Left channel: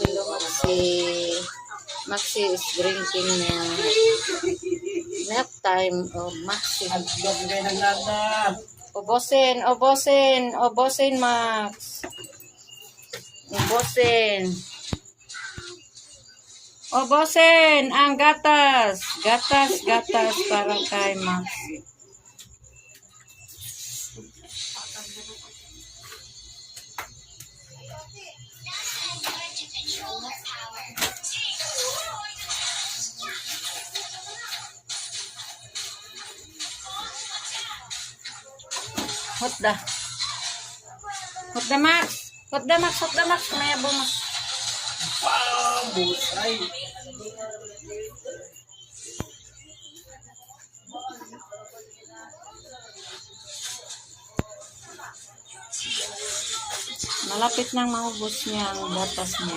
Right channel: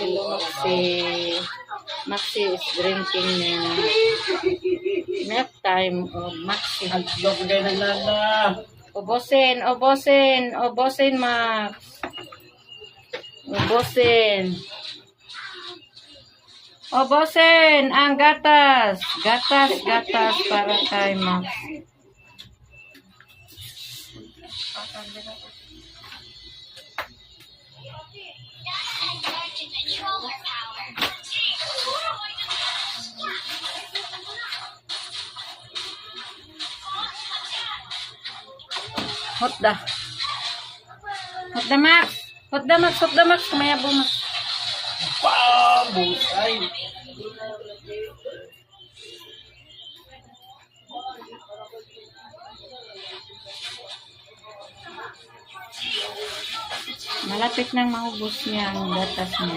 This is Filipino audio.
Hello, Maxi is drinking milk time. Oh, Maxi. Ubusin, Max. Ubusin ang gatas. Gatas para kay Maxi. Hot da Max. Maya bungas. Busay. Malapit nang maubos niya ang gatas niya.